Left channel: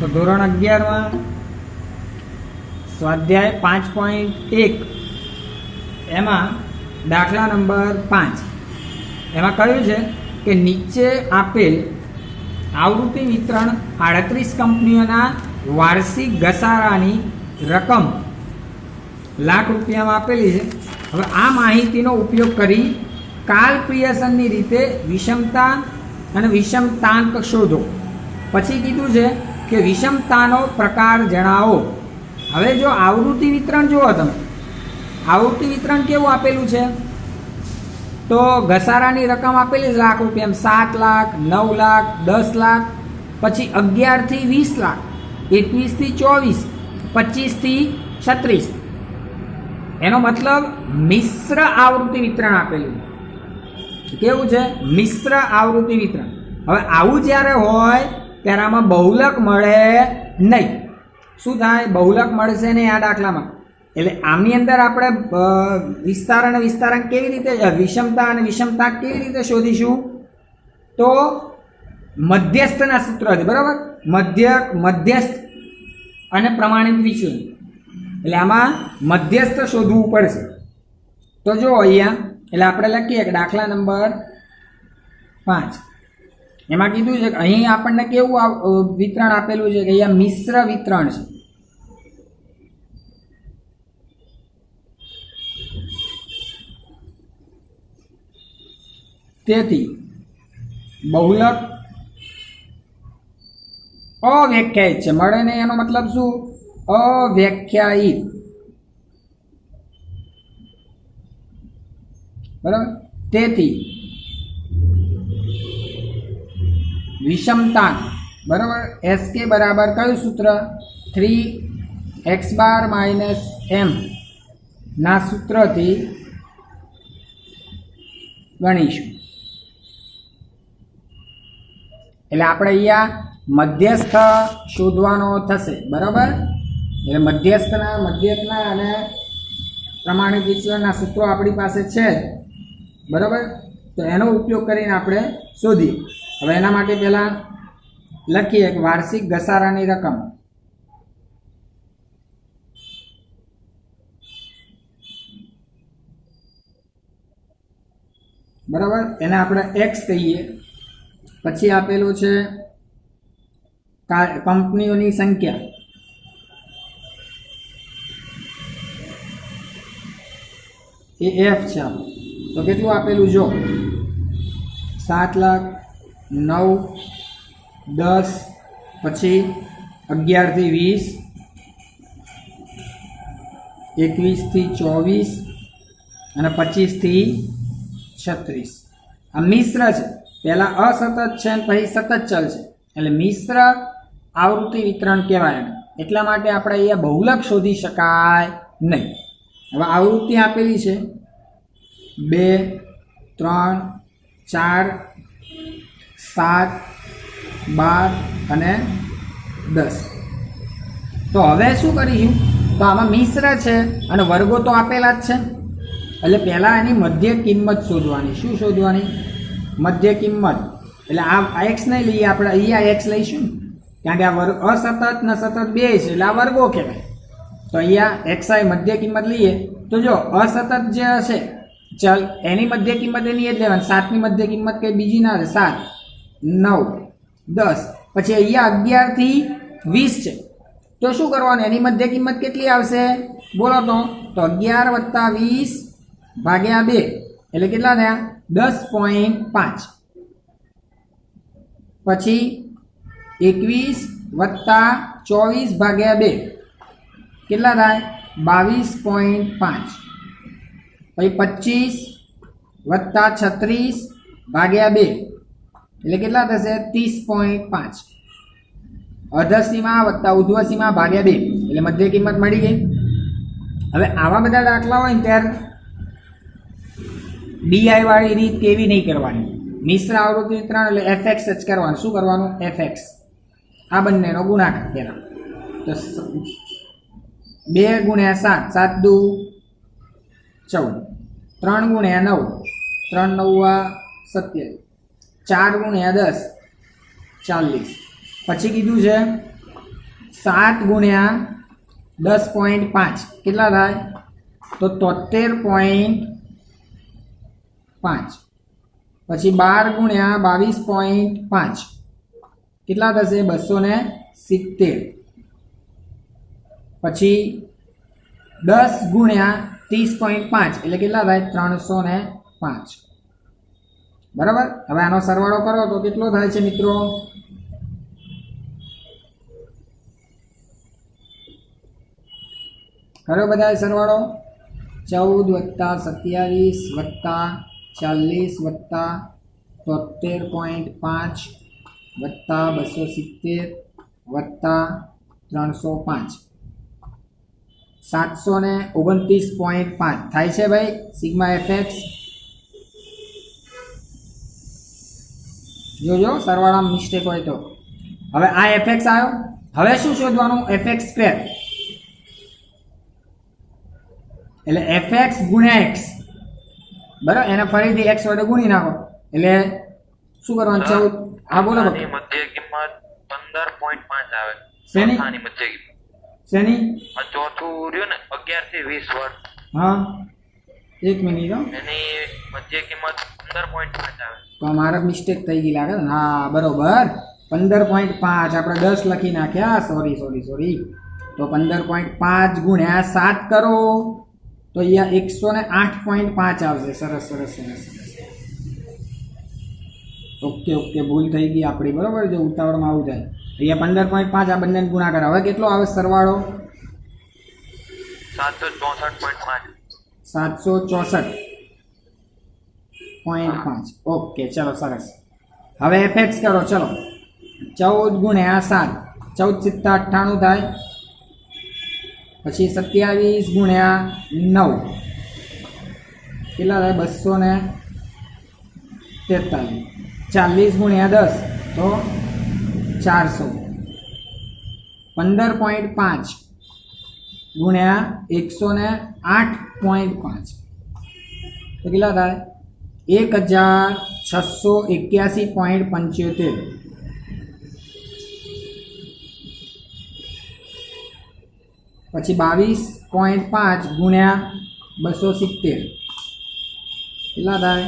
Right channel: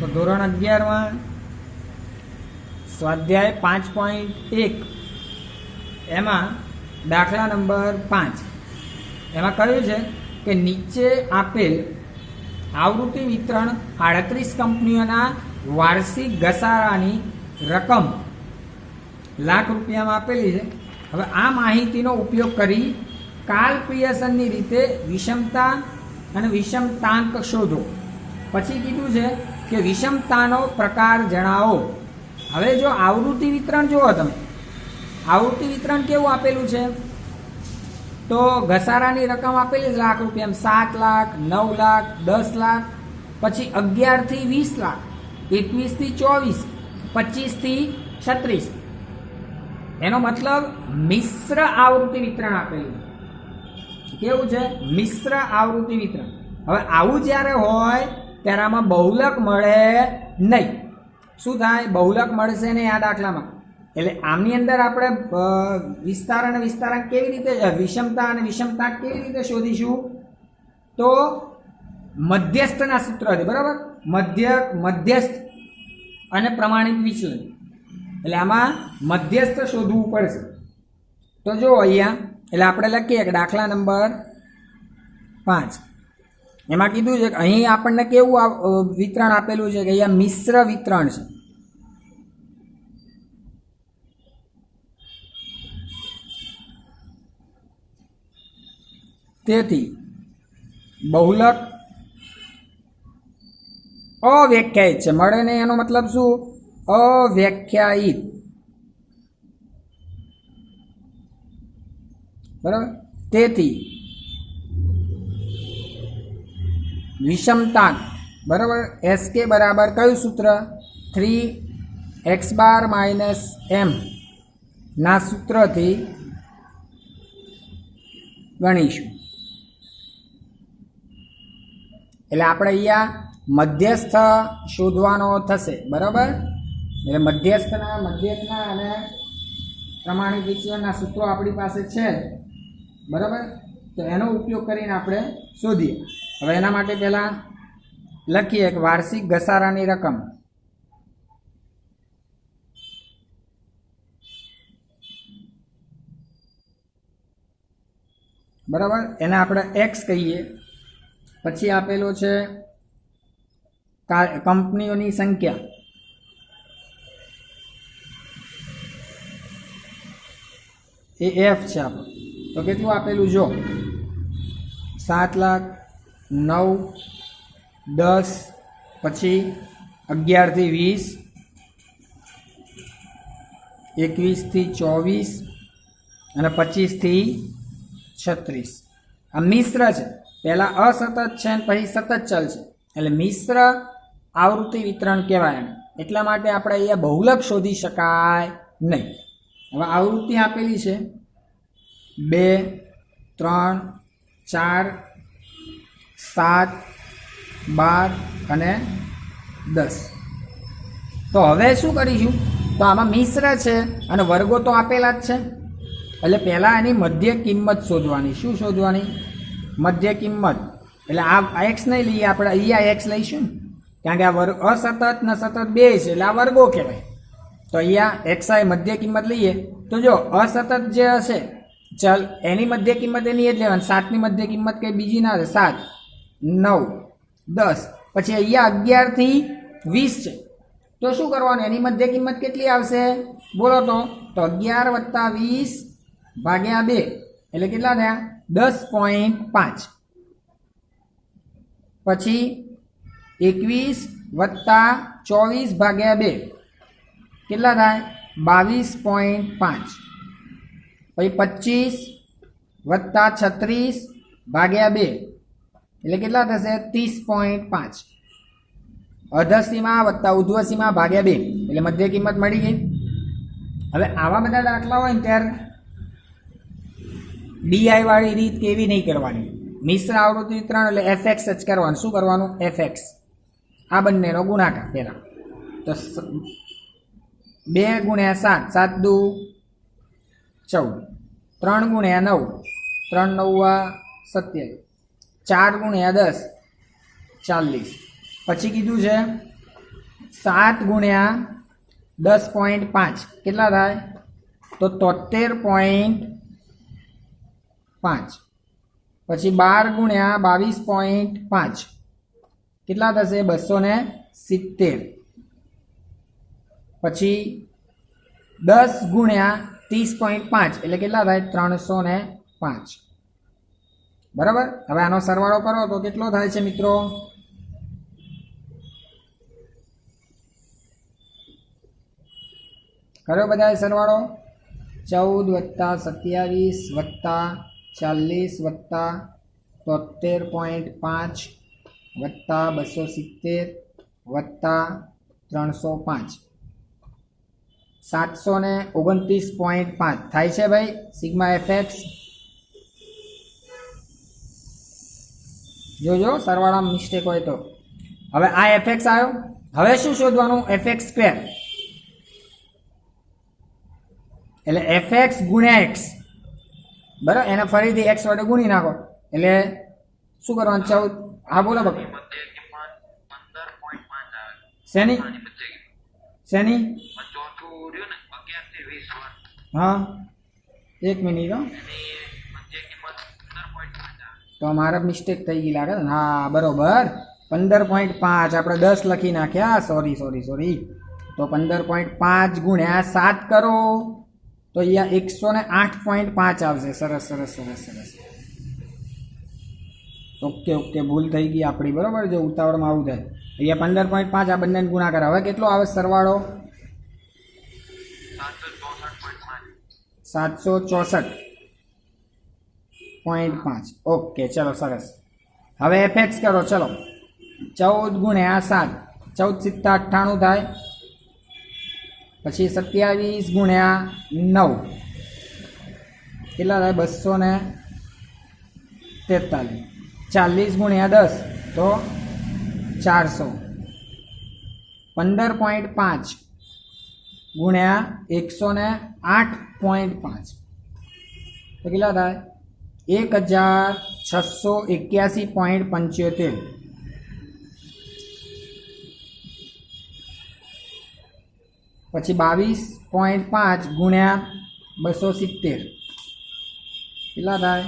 તો ધોરણ 11માં સ્વાધ્યાય 5.1 એમાં દાખલા નંબર 5 એમાં કહ્યું છે કે નીચે આપેલ આવૃત્તિ વિતરણ 38 કંપનીઓના વાર્ષિક ઘસારાની રકમ લાખ રૂપિયામાં આપેલી છે. હવે આ માહિતીનો ઉપયોગ કરી કાર્લ પિયર્સનની રીતે વિષમતા અને વિષમતાંક શોધો. પછી કીધું છે કે વિષમતાનો પ્રકાર જણાવો. હવે જો આવૃત્તિ વિતરણ જુઓ તમે, આવૃત્તિ વિતરણ કેવું આપેલું છે? તો ઘસારાની રકમ આપેલી છે લાખ રૂપિયા, 7 લાખ, 9 લાખ, 10 લાખ, પછી 11 થી 20 લાખ, 21 થી 24, 25 થી 36. એનો મતલબ મિશ્ર આવૃત્તિ વિતરણ આપેલું. કેવું છે? મિશ્ર આવૃત્તિ વિતરણ. હવે આવું જ્યારે હોય ત્યારે આમાં બહુલક મળે નહીં. શું થાય? બહુલક મળશે નહીં આ દાખલામાં. એટલે આની અંદર આપણે વિસ્તાર અને વિસ્તારાંક કેવી રીતે, વિષમતા અને વિષમતાંક કેવી રીતે શોધીશું? તો મધ્યસ્થના સૂત્રથી, બરાબર? મધ્યક, મધ્યસ્થ અને પ્રમાણિત વિચલન. એટલે આમાં મધ્યસ્થ શોધવું પડશે. તો જો અહીંયા, એટલે આપણે લખીએ કે દાખલા નંબર 5 એમાં કીધું છે કે અહીં આપણને કેવું વિતરણ આપેલું છે કે અહીંયા મિશ્ર વિતરણ છે. તેથી બહુલક અવ્યાખ્યાયિત છે. મળે ને એનો મતલબ શું? અવ્યાખ્યાયિત. બરાબર? તેથી વિષમતાંક, બરાબર, SK બરાબર કયું સૂત્ર? 3x બાર માઇનસ m ના સૂત્રથી ગણીશું. એટલે આપણે અહીંયા મધ્યસ્થ શોધવાનો થશે, બરાબર? એટલે મધ્યસ્થના અને પ્રમાણિત વિચલનના સૂત્રો આપણી પાસે છે, બરાબર? તો એનો ઉપયોગ કરીને આપણે શોધીએ. હવે એના માટે પહેલાં લખીએ કે વાર્ષિક ઘસારાની રકમ, બરાબર? એને આપણે x કહીએ. પછી આપેલું છે કંપનીઓની સંખ્યા, એ f છે. તો કેટલું આપેલું? જો 7 લાખ, 9, 10, પછી 11 થી 20, 21 થી 24 અને 25 થી 36. આ મિશ્ર છે. પહેલા અસતત છે અને પછી સતત ચલ છે. એટલે મિશ્ર આવૃત્તિ વિતરણ કહેવાય. એટલા માટે આપણે અહીંયા બહુલક શોધી શકાય નહીં. હવે આવૃત્તિ આપેલી છે 2, 3, 4, 7, 12 અને 10. તો હવે શું કરીશું? તો આમાં મિશ્ર છે અને વર્ગો તો આપેલા જ છે. એટલે પહેલાં એની મધ્ય કિંમત શોધવાની. શું શોધવાની? મધ્ય કિંમત. એટલે આ x નહીં લઈએ આપણે, અહીંયા x લઈશું, કારણ કે આ વર્ગ અસતત ને સતત બે છે, એટલે આ વર્ગો કહેવાય. તો અહીંયા xi મધ્ય કિંમત લઈએ. તો જો અસતત જે હશે ચલ, એની મધ્ય કિંમત એની જ લેવાની. 7ની મધ્ય કિંમત કંઈ બીજી ના હશે. 7, 9, 10, પછી અહીંયા 11 થી 20 છે. તો શું કરવાનું? એની મધ્ય કિંમત કેટલી આવશે? બોલો તો 11 + 20 ભાગ્યા 2 એટલે કેટલા થયા? 10.5. પછી 21 + 24 ભાગ્યા 2 કેટલા થાય? 22.5. પછી 25 + 36 ભાગ્યા 2 એટલે કેટલા થશે? 30.5. અધસીમા વત્તા ઉધ્વસીમા ભાગ્યા 2 એટલે મધ્ય કિંમત મળી ગઈ. હવે આવા બધા દાખલા હોય ને ત્યારે ડીઆઈ વાળી રીત કેવી નહીં કરવાની. મિશ્ર આવૃત્તિ વિતરણ એટલે fx જ કરવાનું. શું કરવાનું? fx. આ બંનેનો ગુણાકાર પહેલા. તો 2 × 7, 7 દુ 14, 3 × 9, 3 9 27, 4 × 10 40. પછી કીધું છે 7 ગુણ્યા 10.5 કેટલા થાય? તો 73.5. પછી 12 ગુણ્યા 22.5 કેટલા થશે? 270. પછી 10 ગુણ્યા 30.5 એટલે કેટલા થાય? 305. બરાબર. હવે આનો સરવાળો કરો તો કેટલો થાય છે મિત્રો? કરો બધા સરવાળો. 14 + 27 + 40 + 73.5 + 270 + 305 729.5 થાય છે ભાઈ સિગ્મા fx. જોજો સરવાળામાં મિસ્ટેક હોય તો. હવે આ fx આવ્યો. હવે શું શોધવાનું? fx² એટલે fx ગુણ્યા x. બરાબર. એને ફરીથી x વડે ગુણી નાખો એટલે શું કરવાનું? 14. હા બોલો. મધ્ય કિંમત 15.5 આવે. શેની આની મધ્ય કિંમત શેની? આ ચોથું રહ્યું ને 11 થી 20 વર્ષ. હા, એક મિનિટ. એની મધ્ય કિંમત 15.5 આવે. તો મારા મિસ્ટેક થઈ ગઈ લાગે. હા બરોબર. 15.5 આપણે 10 લખી નાખ્યા. સોરી. તો 15.5 ગુણ્યા 7 કરો તો અહીંયા 108.5 આવશે. સરસ. ઓકે ભૂલ થઈ ગઈ આપણી. બરોબર. જે ઉતાવળમાં આવું થાય. અહીંયા 15.5 આ બંને ગુણાકાર. હવે કેટલો આવે સરવાળો? 764.5. ઓકે ચલો સરસ. હવે fx કરો. ચલો 14 ગુણ્યા 7 14 + 7 = 98 થાય. પછી 27 ગુણ્યા 9 કેટલા થાય? 243. 40 ગુણ્યા 10 તો 400. 15.5 ગુણ્યા 108.5 તો કેટલા થાય? 1681.75. પછી 22.5 ગુણ્યા 270 કેટલા થાય?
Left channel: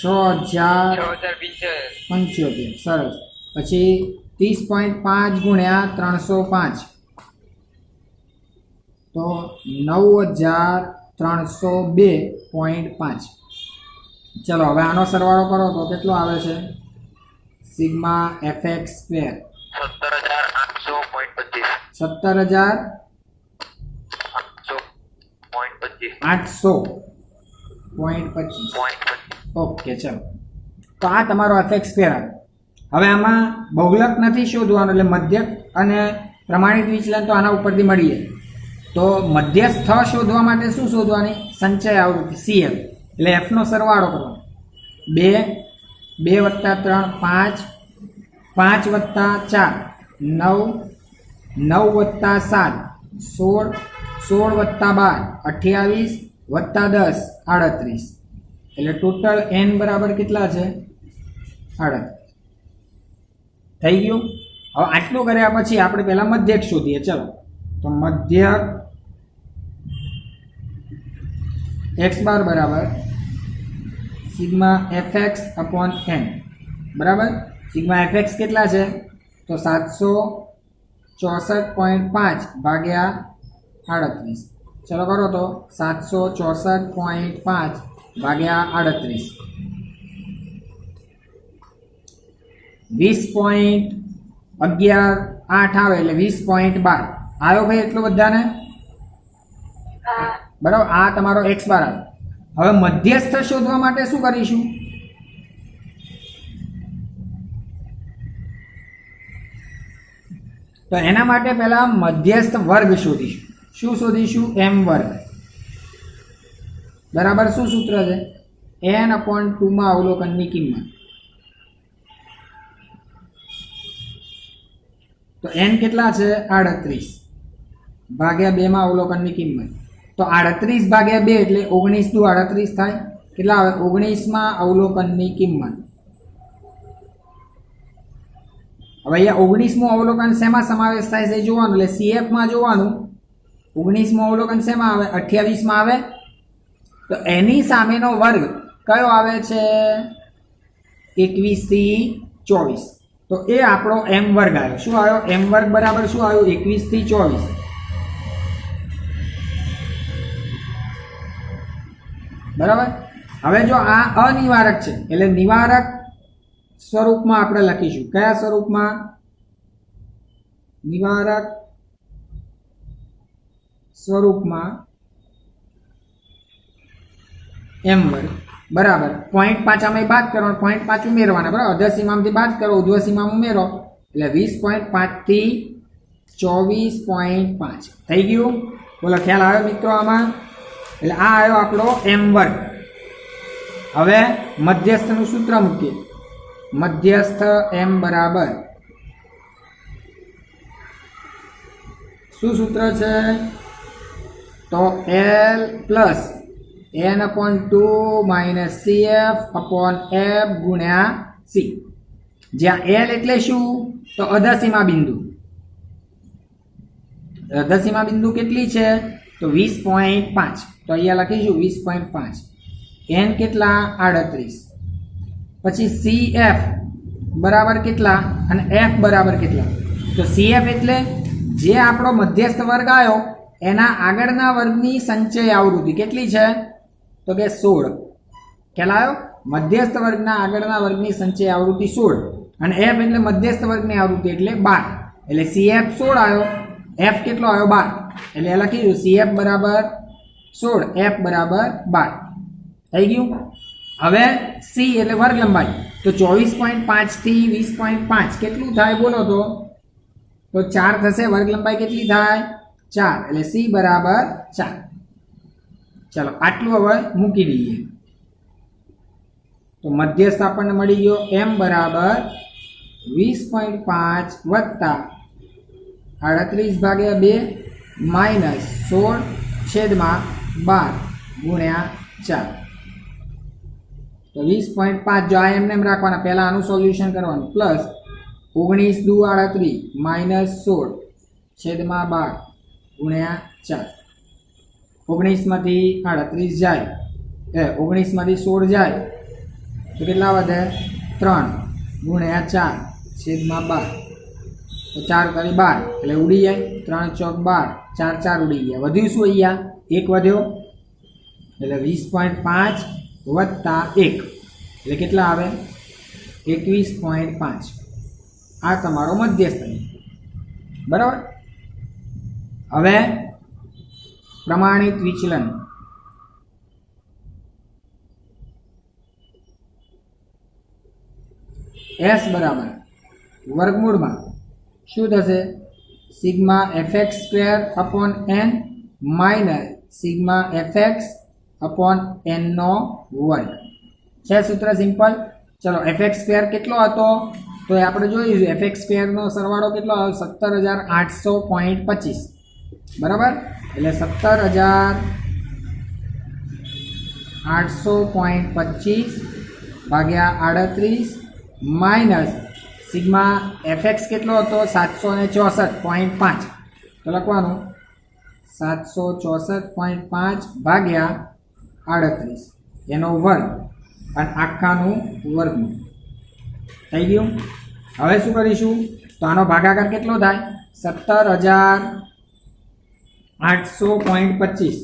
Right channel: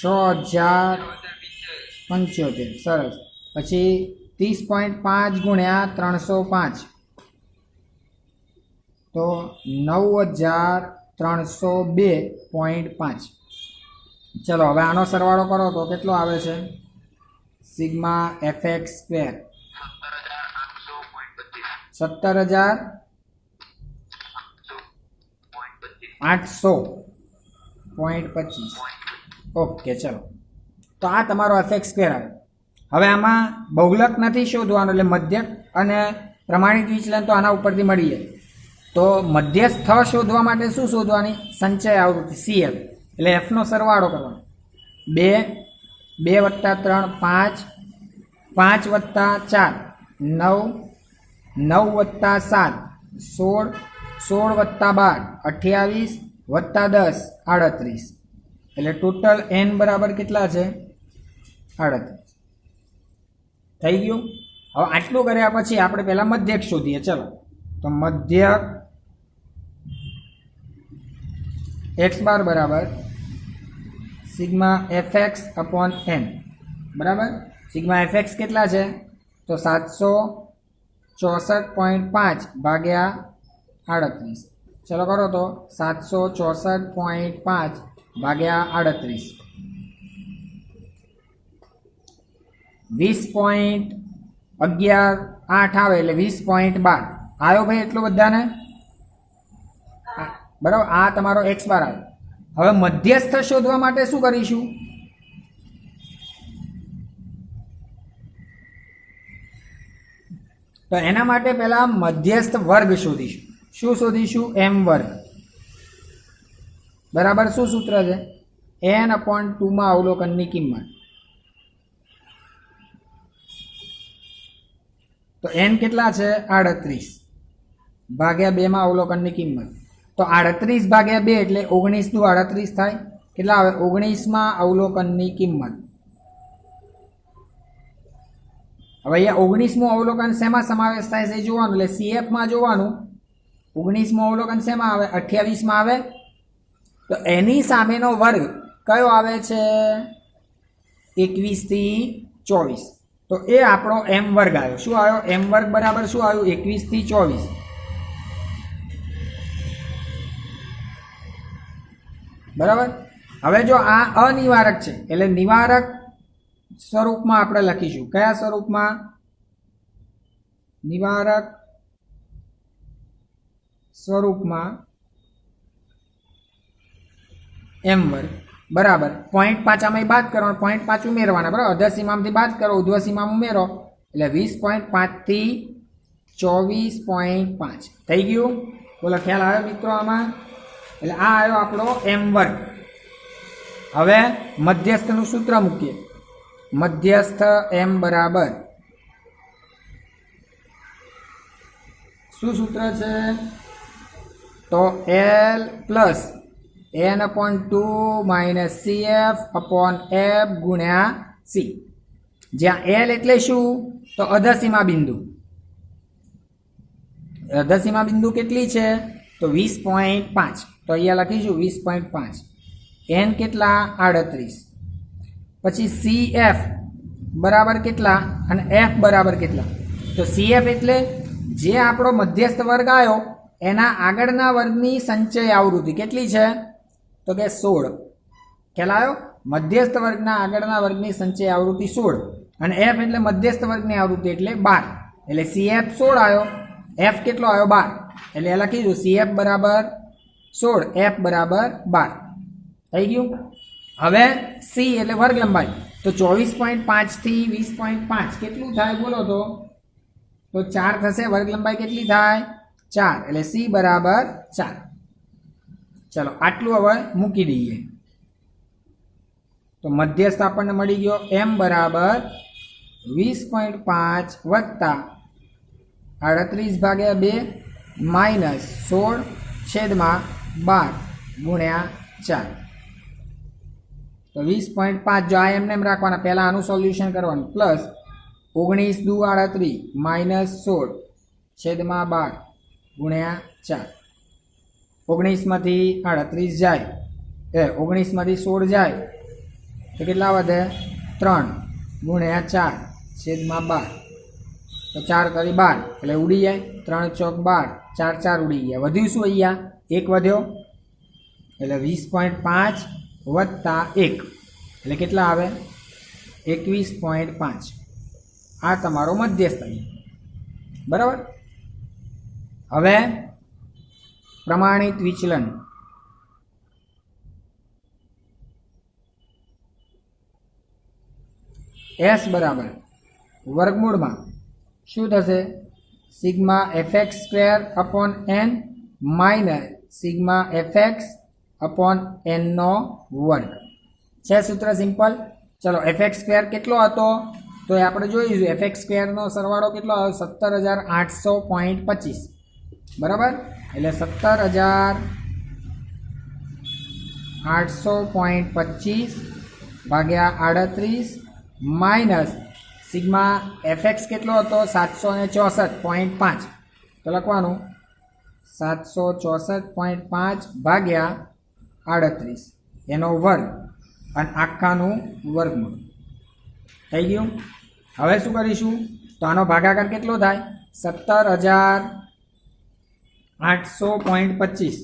6075. સરસ. પછી 30.5 ગુણ્યા 305 તો 9302.5. ચલો હવે આનો સરવાળો કરો તો કેટલો આવે છે? Sigma fx². 17,800.25. ઓકે ચલો. તો આ તમારો fx² આવે. હવે આમાં બહુલક નથી શોધવાનું એટલે મધ્યક અને પ્રમાણિત વિચલન તો આના ઉપરથી મળી જાય. તો મધ્યસ્થ શોધવા માટે શું શોધવાની? સંચય આવૃત્તિ CL. એટલે f નો સરવાળો કરવાનો. 2 2 + 3 5 5 + 4 9 9 + 7 16 16 + 12 28 + 10 38. એટલે ટોટલ n બરાબર કેટલા છે? 38. થઈ ગયું. હવે આટલું કર્યા પછી આપણે પહેલા મધ્યક શોધીએ. ચલો તો મધ્યક x બાર બરાબર સિગ્મા fx/n. બરાબર. સિગ્મા fx કેટલા છે? તો 764.5 ભાગ્યા 38. ચલો કરો તો 764.5 ભાગ્યા 38 20.118 આવે એટલે 20.12 આવ્યો ભાઈ. એટલું બધાને બરાબર. આ તમારો x બાર આવે. હવે મધ્યસ્થ શોધવા માટે શું કરીશું? તો એના માટે પહેલા મધ્યસ્થ વર્ગ શોધીશું. શું શોધીશું? m² બરાબર. શું સૂત્ર છે? n/2 માં અવલોકનની કિંમત. તો n કેટલા છે? 38 ભાગ્યા 2 માં અવલોકનની કિંમત. તો 38 ભાગ્યા 2 એટલે 19 દુ 38 થાય. કેટલા આવે? 19 માં અવલોકનની કિંમત. હવે અહીંયા 19મું અવલોકન શેમાં સમાવેશ થાય છે એ જોવાનું, એટલે CFમાં જોવાનું. 19મું અવલોકન શેમાં આવે? 28માં આવે. તો એની સામેનો વર્ગ કયો આવે છે? 21 થી 24. તો એ આપણો m વર્ગ આવ્યો. શું આવ્યો? m વર્ગ બરાબર શું આવ્યું? 21 થી 24. બરાબર. હવે જો આ અનિવારક છે એટલે નિવારક સ્વરૂપમાં આપણે લખીશું. કયા સ્વરૂપમાં? નિવારક સ્વરૂપમાં m વર્ગ બરાબર 0.5 આમાં બાદ કરવાનો, 0.5 ઉમેરવાના. બરાબર. અધર સીમામાંથી બાદ કરો, ઉર્ધ્વ સીમા ઉમેરો એટલે 20.5 થી 24.5 થઈ ગયું. બોલો ખ્યાલ આવ્યો મિત્રો આમાં? એટલે આ આવ્યો આપણો m વર્ગ. હવે મધ્યસ્થનું સૂત્ર મૂકીએ. મધ્યસ્થ m બરાબર શું સૂત્ર છે? તો l plus n/2 minus cf upon f ગુણ્યા c. જ્યાં l એટલે શું? તો અધસીમા બિંદુ. અધસીમા બિંદુ કેટલી છે? તો 20.5. તો અહીંયા લખીશું 20.5. n કેટલા? 38. પછી cf બરાબર કેટલા અને f બરાબર કેટલા? તો cf એટલે જે આપણો મધ્યસ્થ વર્ગ આવ્યો એના આગળના વર્ગની સંચય આવૃત્તિ કેટલી છે? તો કે 16. ખ્યાલ આવ્યો? મધ્યસ્થ વર્ગના આગળના વર્ગની સંચય આવૃત્તિ 16 અને f એટલે મધ્યસ્થ વર્ગની આવૃત્તિ એટલે 12. એટલે cf 16 આવ્યો, f કેટલો આવ્યો? 12. એટલે લખીશું cf બરાબર 16, f બરાબર 12. થઈ ગયું. હવે c એટલે વર્ગ લંબાઈ. તો 24.5 થી 20.5 કેટલું થાય બોલો? તો 4 થશે. વર્ગ લંબાઈ કેટલી થાય? 4. એટલે c બરાબર 4. ચલો આટલું હવે મૂકી દઈએ. તો મધ્યસ્થ આપણને મળી ગયો m બરાબર 20.5 વત્તા 38/2 માઇનસ 16/12 ગુણ્યા 4. તો 20.5 જો આ એમને રાખવાના, પહેલા આનું સોલ્યુશન કરવાનું. પ્લસ 19 દુ 38 માઇનસ 16/12 ગુણ્યા 4. 19 માંથી 38 જાય, 19 માંથી 16 જાય તો કેટલા વધે? 3 ગુણ્યા 4/12. તો 4 કરી 12 એટલે ઉડી જાય. 3 ચોક 12, 4 4 ઉડી ગયા. વધ્યું શું? અહીંયા 1 વધ્યો એટલે 20.5 વત્તા 1 એટલે કેટલા આવે? 21.5. આ તમારો મધ્યસ્થ. બરાબર. હવે પ્રમાણિત વિચલન. s બરાબર વર્ગમૂળમાં શું થશે? Sigma fx² upon n minus sigma fx upon n નો વર્ગ. છે સૂત્ર સિમ્પલ. ચલો fx² કેટલો હતો? તો એ આપણે જોઈશું. fx² નો સરવાળો કેટલો આવ્યો? 17,800.25. બરાબર. એટલે 17,800.25 ભાગ્યા 38 માઇનસ સિગ્મા fx કેટલો હતો? 764.5. તો લખવાનું 764.5 ભાગ્યા 38 એનો વર્ગ અને આખાનું વર્ગમૂળ. થઈ ગયું. હવે શું કરીશું? તો આનો ભાગાકાર કેટલો થાય? 17,800.25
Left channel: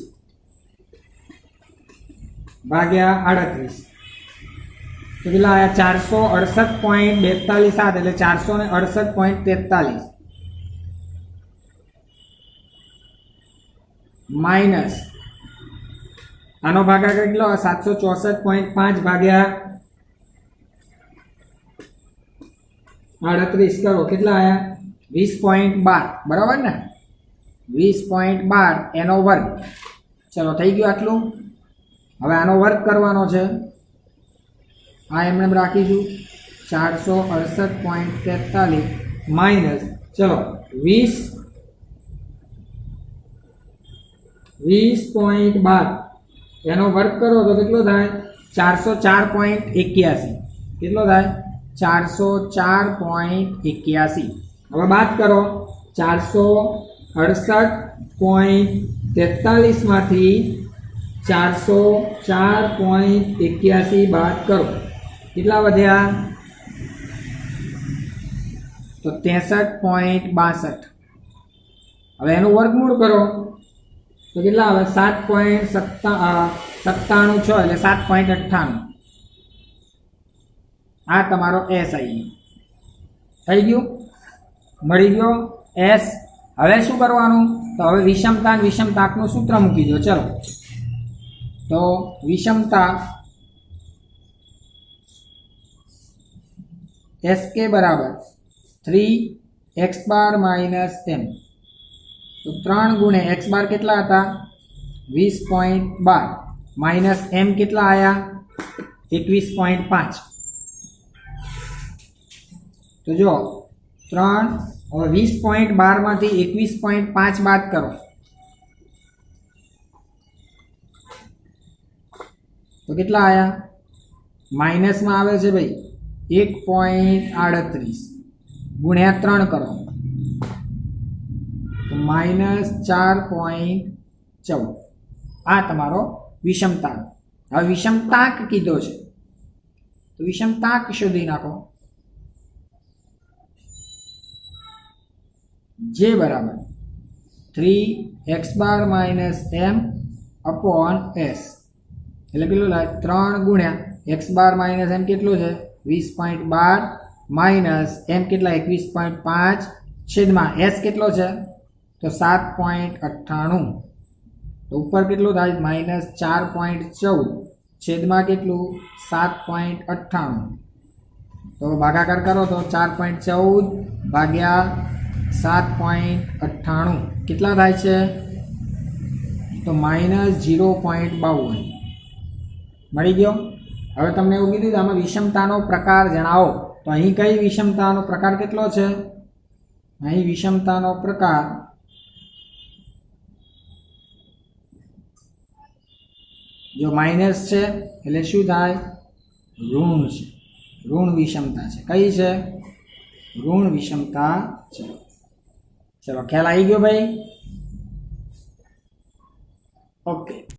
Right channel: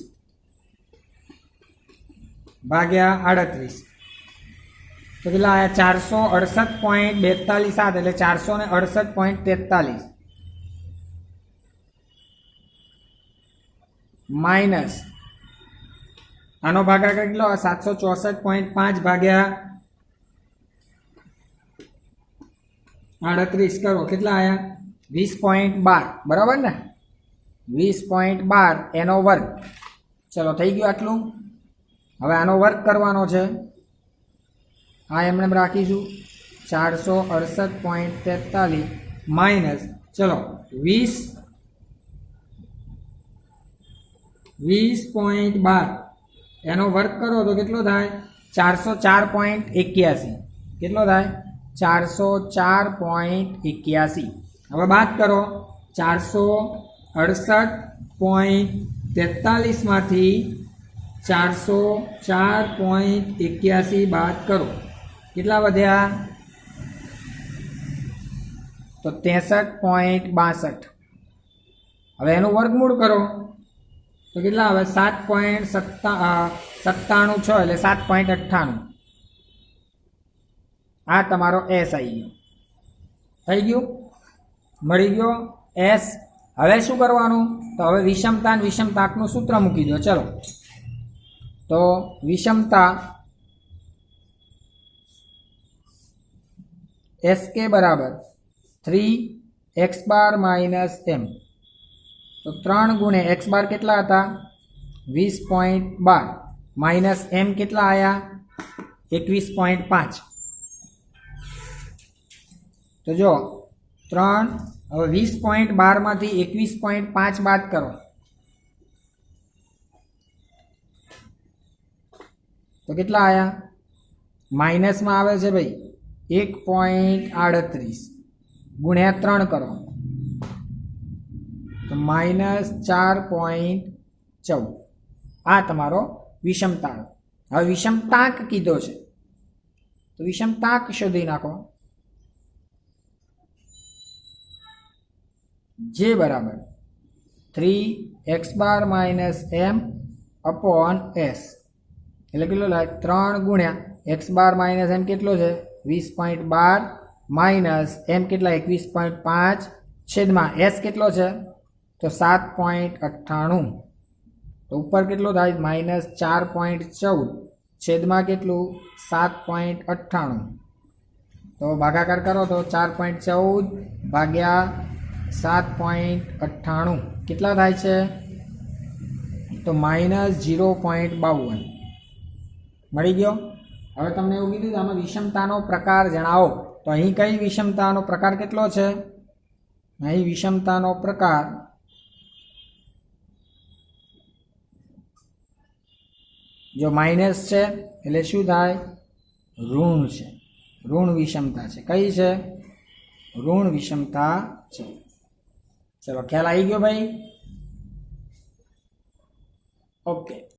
ભાગ્યા 38 તો કેટલા આવ્યા? 468.42 એટલે 468.43 માઇનસ આનો ભાગાકાર કેટલો? 764.5 ભાગ્યા 38 કરો કેટલા આવ્યા? 20.12. બરાબર ને? 20.12 એનો વર્ગ. ચલો થઈ ગયું આટલું. હવે આનો વર્ગ કરવાનો છે. આ એમને રાખીશું 468.43 માઇનસ ચલો 20.12 એનો વર્ગ કરો તો કેટલો થાય? 404.81. કેટલો થાય? 404.81. હવે બાદ કરો 468.43 માંથી 404.81 બાદ કરો, કેટલા વધ્યા? તો 63.62. હવે એનું વર્ગમૂળ કરો તો કેટલા આવે? 7.97 એટલે 7.98. આ તમારો એસ આવી ગયો. થઈ ગયું? મળી ગયો એસ. હવે શું કરવાનું? તો હવે વિષમતા અને વિષમતાકનું સૂત્ર મૂકી દો. ચલો, તો વિષમતા SK બરાબર 3x બાર માઇનસ m. તો 3 ગુણ્યા x બાર કેટલા હતા? 20.12 માઇનસ m કેટલા આવ્યા? 21.5. તો જો 3 હવે 20.12 માંથી 21.5 બાદ કરો તો કેટલા આવ્યા? માઇનસમાં આવે છે ભાઈ 1.38 ગુણ્યા 3 કરો તો માઇનસ 4.14. આ તમારો વિષમતાક. હવે વિષમતાક કીધો છે તો વિષમતાક શોધી નાખો. જે બરાબર 3x bar minus m upon s એટલે કેટલો લાગે? 3 ગુણ્યા x બાર માઇનસ m કેટલો છે? 20.12 માઇનસ m કેટલા? 21.5 છેદમાં s કેટલો છે? તો 7.98. તો ઉપર કેટલું થાય? માઇનસ 4.14 છેદમાં કેટલું? 7.98. તો ભાગાકાર કરો તો 4.14 ભાગ્યા 7.98 કેટલા થાય છે? તો માઇનસ 0.52. મળી ગયો. હવે તમને એવું કીધું આમાં વિષમતાનો પ્રકાર જણાવો. તો અહીં કઈ વિષમતાનો પ્રકાર કેટલો છે? અહીં વિષમતાનો પ્રકાર જો માઇનસ છે એટલે શું થાય? ઋણ છે. ઋણ વિષમતા છે. કઈ છે? ઋણ વિષમતા છે. ચલો, ખ્યાલ આવી ગયો ભાઈ? ઓકે.